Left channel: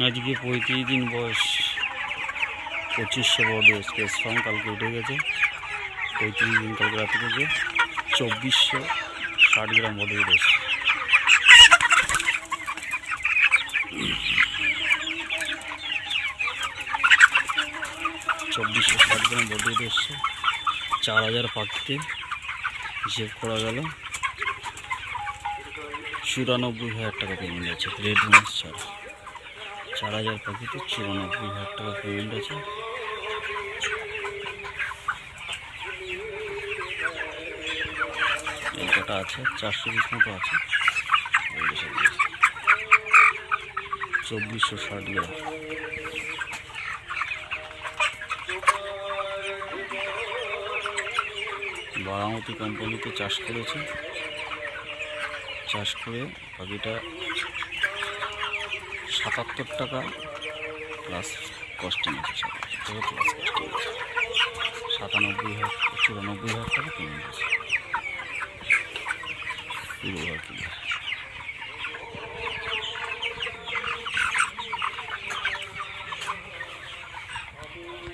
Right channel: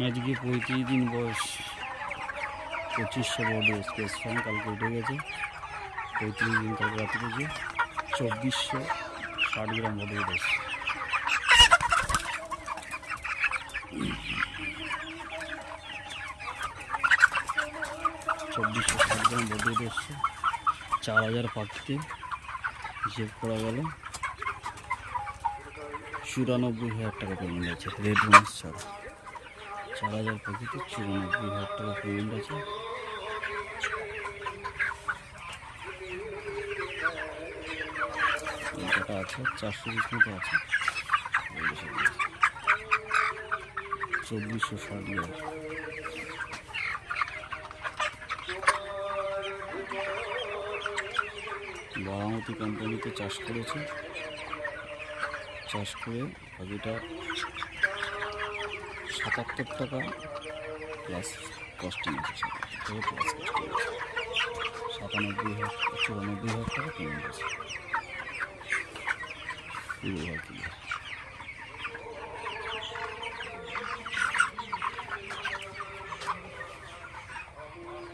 আজকে 35 দিন বয়স, 2500 বডি স্কেচ ফর্ম কালকে উঠে গেছে। 35 দিন কালকে রাতে থেকে 2460 গ্রাম বডি উঠেছে। $2460 গ্রাম বডি উঠে এসছে। 4000 পাখিতে হিসেব করা গেল 94,000 টাকা পেমেন্ট আছে রেড মাছ ছাড়া। 4000 পাখিতে 94,000 টাকা পেমেন্ট আছে। এই কটা আছে 400 পিস মতো আছে। 2460 গ্রাম। বারামতি কোম্পানিতে চাষ করেছে। চাষ করে পাখিটা 77 টাকা প্লাস কস্টিং আছে। 77 টাকা প্লাস কস্টিং আছে। 94,000 টাকা পেমেন্ট আছে পুরো পাখি।